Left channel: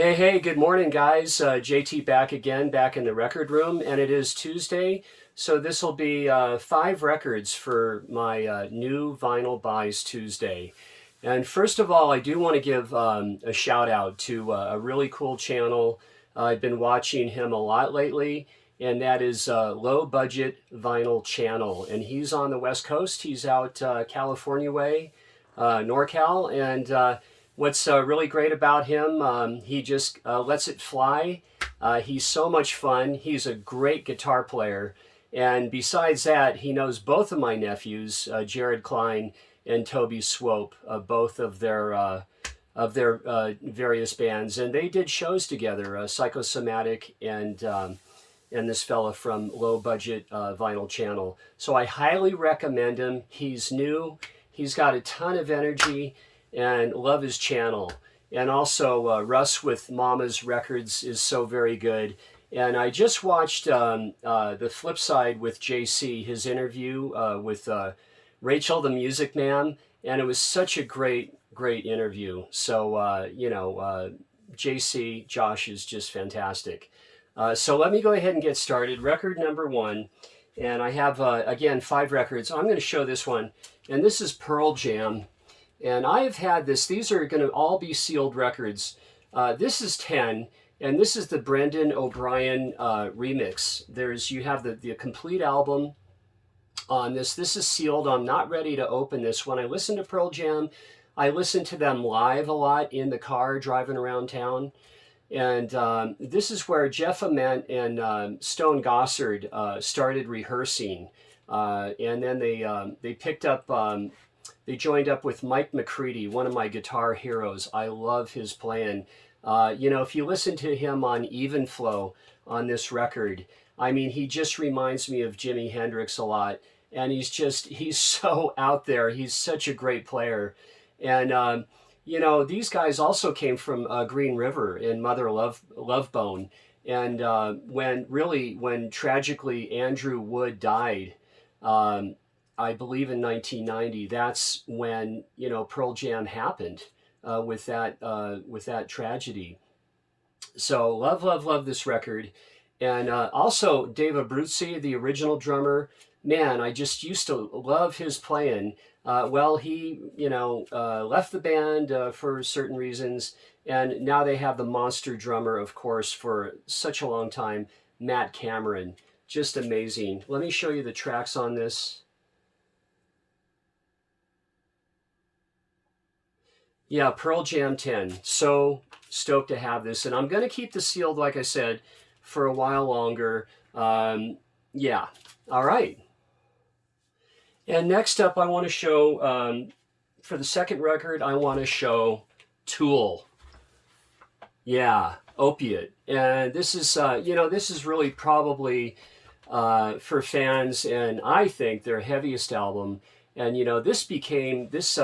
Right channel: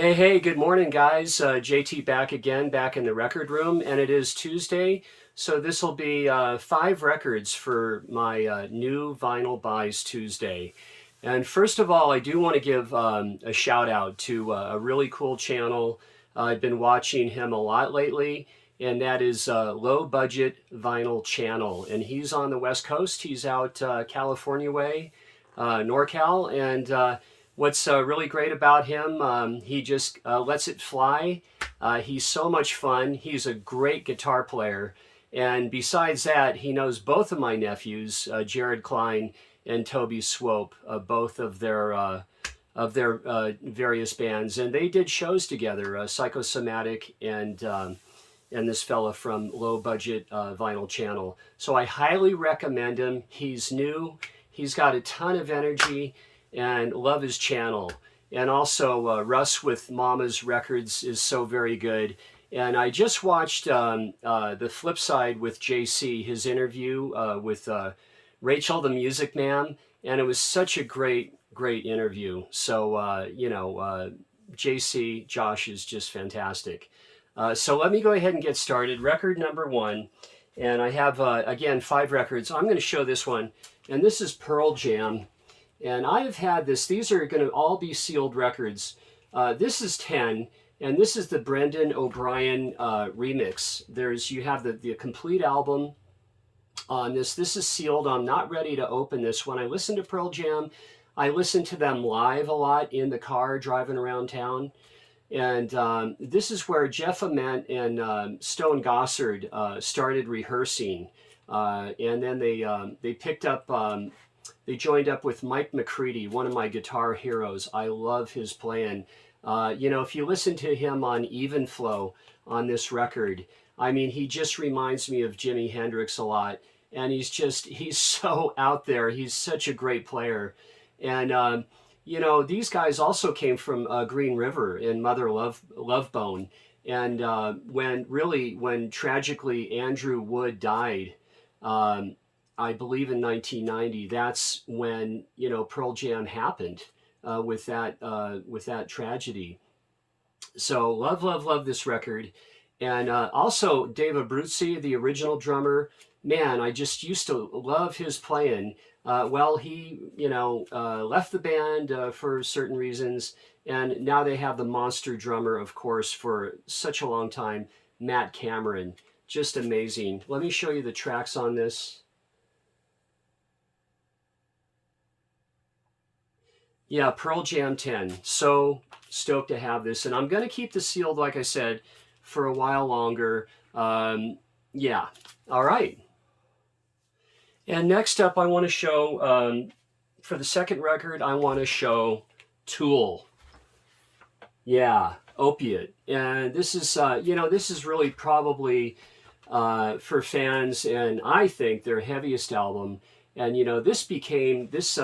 Hey, good morning, guys. JT back again, back in the record room, and it is Tuesday. So this will be 5 records for my new Vinyl Buys Tuesday. And first of all, I do want to give a shout out to a really cool channel. I've been watching him a lot lately, and that is Low Budget Vinyl Channel. And he's on the West Coast. He's out California way, NorCal, and what's really great about him, he just lets it fly. He's so much fun. He's a great guitar player. And besides that, he knows both of my nephews, Jared Klein and Toby Swope, both of their various bands. And they did shows together, Psychosomatic and this fella from Low Budget Vinyl Channel. So I highly recommend him. He's new. He's got a ton of energy and love his channel. And also Russ with Mama's Records is so very good. And I just watched the flip side with JC, his interview with Rachel the Music Man, and it was such a great interview. So JC, Josh is just fantastic. So let me go ahead and get started. Record number 1, and I have again 5 records. I'm going to show this one, and this is Pearl Jam. And I have had this. These are going to all be sealed records. This is 10, and this is the Brendan O'Brien remix. You have the complete album on this. This is sealed. I'm not ready to open this. When I listen to Pearl Jam, I listen to them live a lot in the car driving around town. And this is where Jeff Ament and Stone Gossard started rehearsing. And then they picked up... they joined up with Mike McCready, one of my guitar heroes. I love his playing. If you listen to him on Even Flow on this record, I mean, he just reminds me of Jimi Hendrix a lot. And he's so out there. He's such a great player. And, these guys also came from Green River and Mother Love Bone. And when tragically Andrew Wood died, I believe in 1990, that's when, Pearl Jam happened with that tragedy. So love this record. And also Dave Abruzzi, the original drummer, man, I just used to love his playing. He, left the band for certain reasons. And now they have the monster drummer, of course, for such a long time, Matt Cameron. Just amazing. Let me show you the tracks on this. Yeah, Pearl Jam 10. So stoked to have this. And I'm going to keep this sealed, like I said, for a while longer. Yeah. All right. And next up, I want to show, for the second record, I want to show Tool. Yeah, Opiate. And this is, this is really probably for fans, and I think their heaviest album. And, this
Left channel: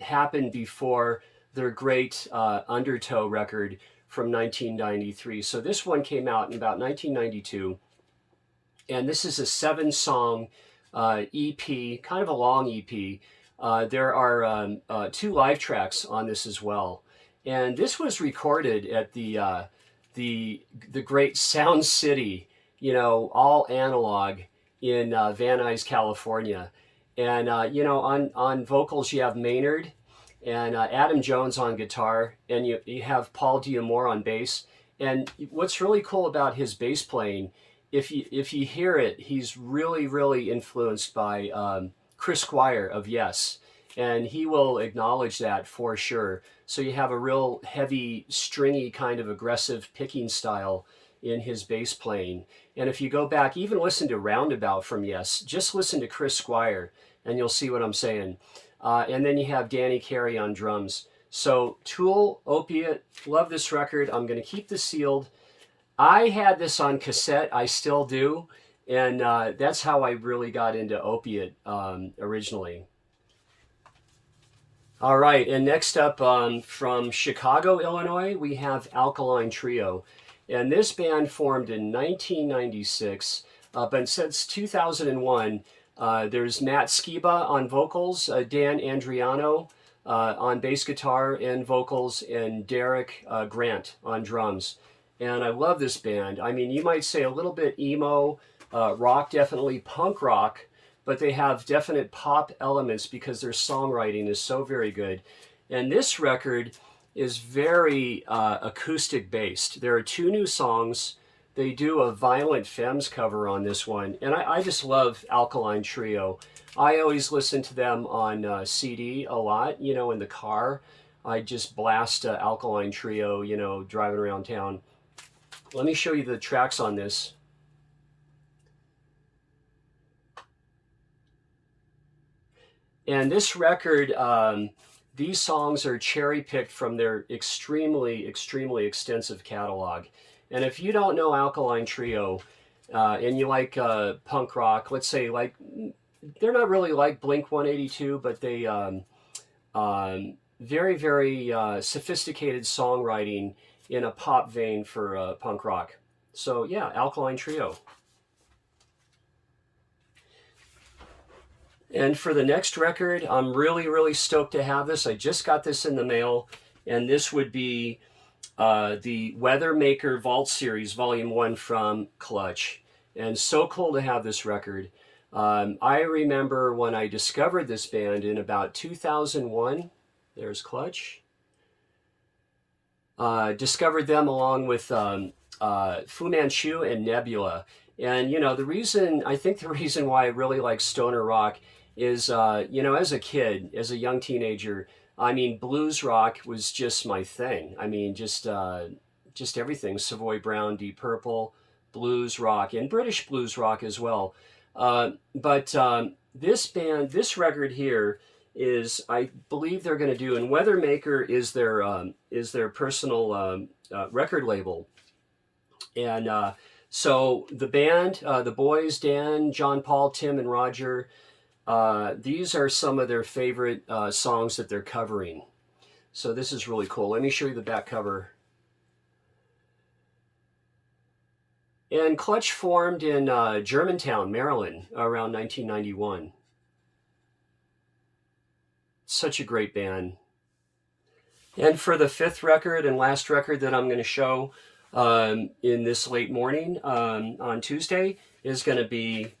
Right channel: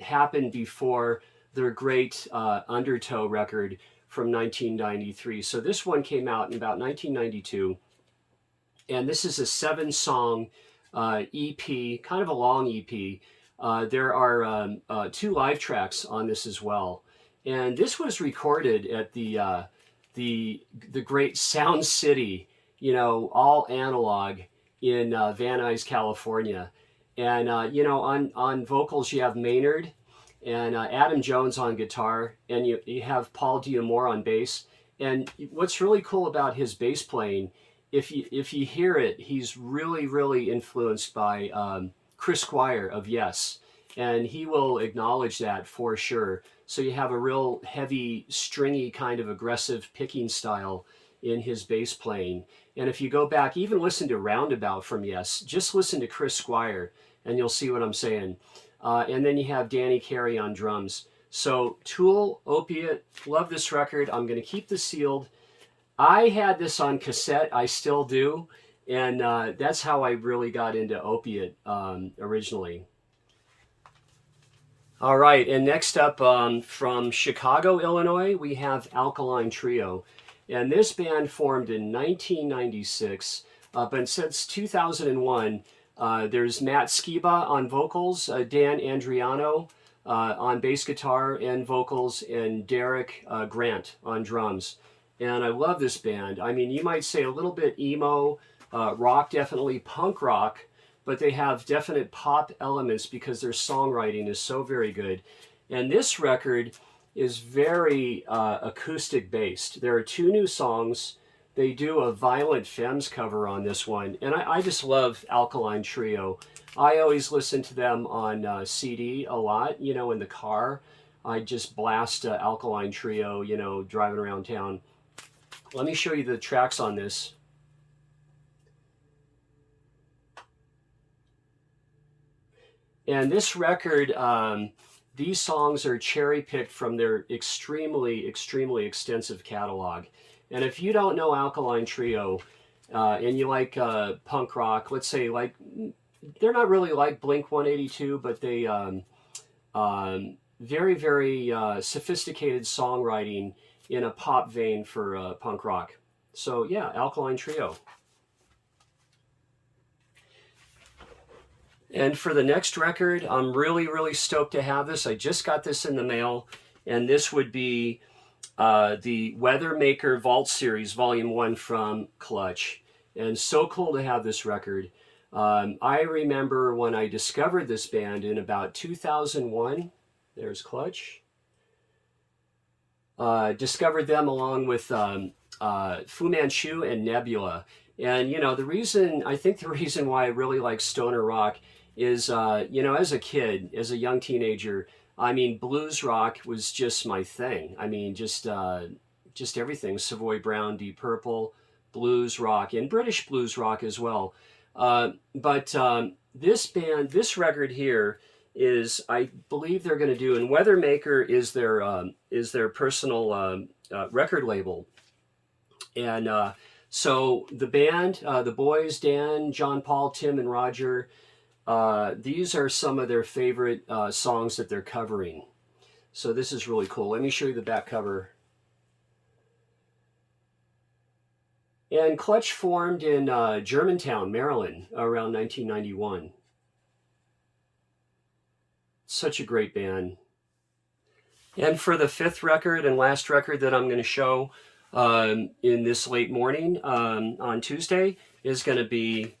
happened before their great Undertow record from 1993. So this one came out in about 1992. And this is a 7-song EP, kind of a long EP. There are 2 live tracks on this as well. And this was recorded at the great Sound City, all analog in Van Nuys, California. And, on vocals, you have Maynard and Adam Jones on guitar, and you have Paul Diamore on bass. And what's really cool about his bass playing, if you hear it, he's really influenced by Chris Squire of Yes. And he will acknowledge that for sure. So you have a real heavy, stringy, kind of aggressive picking style in his bass playing. And if you go back, even listen to Roundabout from Yes, just listen to Chris Squire and you'll see what I'm saying. And then you have Danny Carey on drums. So Tool, Opiate, love this record. I'm going to keep this sealed. I had this on cassette. I still do. And that's how I really got into Opiate originally. All right, and next up from Chicago, Illinois, we have Alkaline Trio. And this band formed in 1996, but since 2001, there's Matt Skiba on vocals, Dan Andriano on bass guitar and vocals, and Derek Grant on drums. And I love this band. I mean, you might say a little bit emo, rock, definitely punk rock, but they have definite pop elements because their songwriting is so very good. And this record is very acoustic based. There are 2 new songs. They do a Violent Femmes cover on this one. And I just love Alkaline Trio. I always listen to them on CD a lot, you know, in the car. I just blast Alkaline Trio, you know, driving around town. Let me show you the tracks on this. And this record, these songs are cherry-picked from their extremely, extremely extensive catalog. And if you don't know Alkaline Trio, and you like punk rock, let's say, like, they're not really like Blink-182, but they very, very sophisticated songwriting in a pop vein for punk rock. So yeah, Alkaline Trio. And for the next record, I'm really, really stoked to have this. I just got this in the mail, and this would be the Weathermaker Vault Series Volume 1 from Clutch. And so cool to have this record. I remember when I discovered this band in about 2001, there's Clutch. Discovered them along with Fu Manchu and Nebula. And, you know, I think the reason why I really like stoner rock is, you know, as a kid, as a young teenager, I mean, blues rock was just my thing. I mean, just everything. Savoy Brown, Deep Purple, blues rock, and British blues rock as well. But this band, this record here is, I believe they're going to do, and Weathermaker is their personal record label. And so the band, the boys, Dan, John Paul, Tim, and Roger, these are some of their favorite songs that they're covering. So this is really cool. Let me show you the back cover. And Clutch formed in Germantown, Maryland, around 1991. Such a great band. And for the 5th record and last record that I'm going to show in this late morning on Tuesday is going to be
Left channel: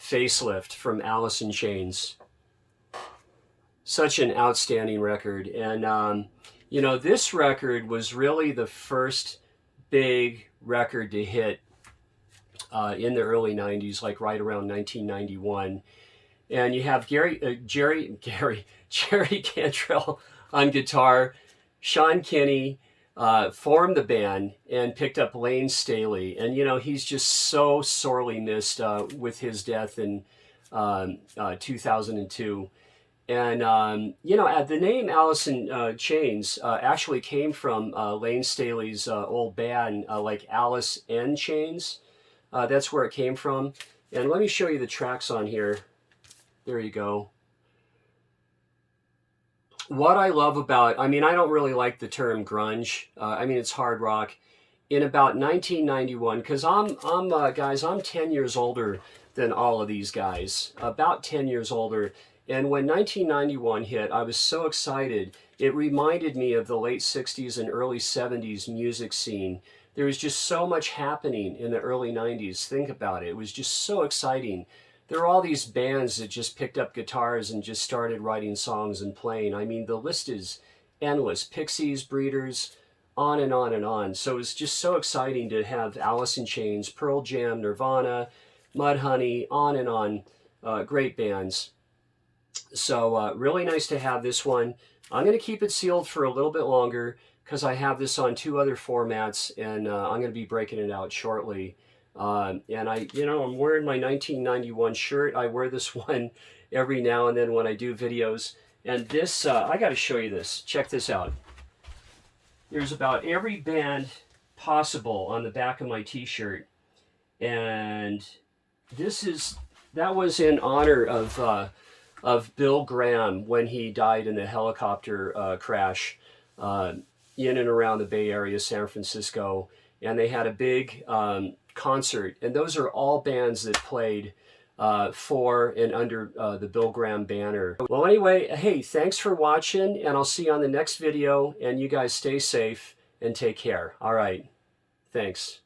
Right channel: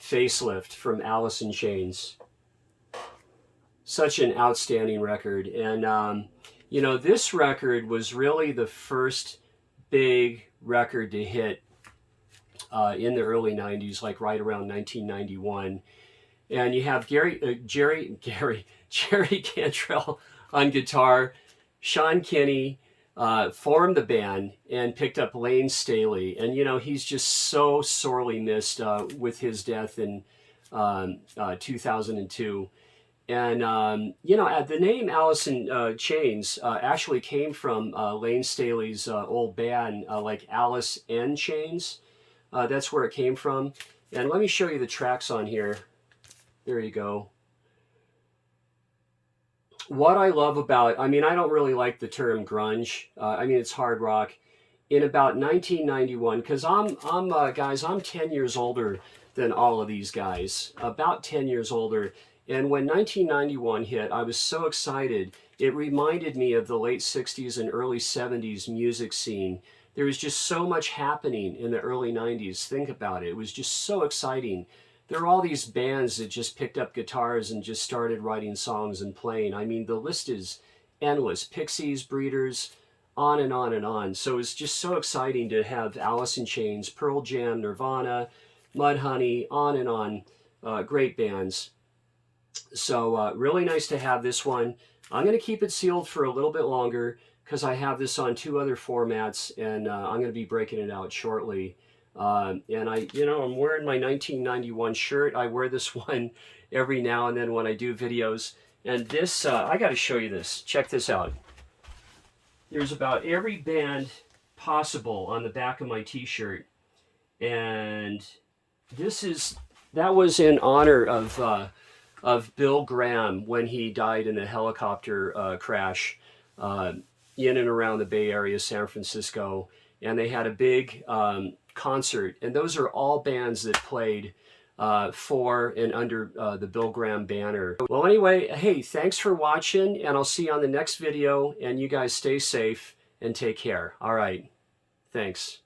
Facelift from Alice in Chains. Such an outstanding record. And, you know, this record was really the first big record to hit in the early 90s, like right around 1991. And you have Jerry Cantrell on guitar. Sean Kinney formed the band and picked up Lane Staley. And, you know, he's just so sorely missed with his death in 2002. And, you know, the name Alice in Chains actually came from Lane Staley's old band, like Alice in Chains. That's where it came from. And let me show you the tracks on here. There you go. What I love about, I mean, I don't really like the term grunge. I mean, it's hard rock. In about 1991, because guys, I'm 10 years older than all of these guys, about 10 years older. And when 1991 hit, I was so excited. It reminded me of the late 60s and early 70s music scene. There was just so much happening in the early 90s. Think about it. It was just so exciting. There are all these bands that just picked up guitars and just started writing songs and playing. I mean, the list is endless. Pixies, Breeders, on and on and on. So it's just so exciting to have Alice in Chains, Pearl Jam, Nirvana, Mudhoney, on and on. Great bands. So really nice to have this one. I'm going to keep it sealed for a little bit longer because I have this on 2 other formats, and I'm going to be breaking it out shortly. And I'm wearing my 1991 shirt. I wear this one every now and then when I do videos. And this, I got to show you this. Check this out. There's about every band possible on the back of my t-shirt. And that was in honor of Bill Graham when he died in the helicopter crash in and around the Bay Area, San Francisco. And they had a big concert, and those are all bands that played for and under the Bill Graham banner. Well, anyway, hey, thanks for watching, and I'll see you on the next video, and you guys stay safe and take care. All right, thanks.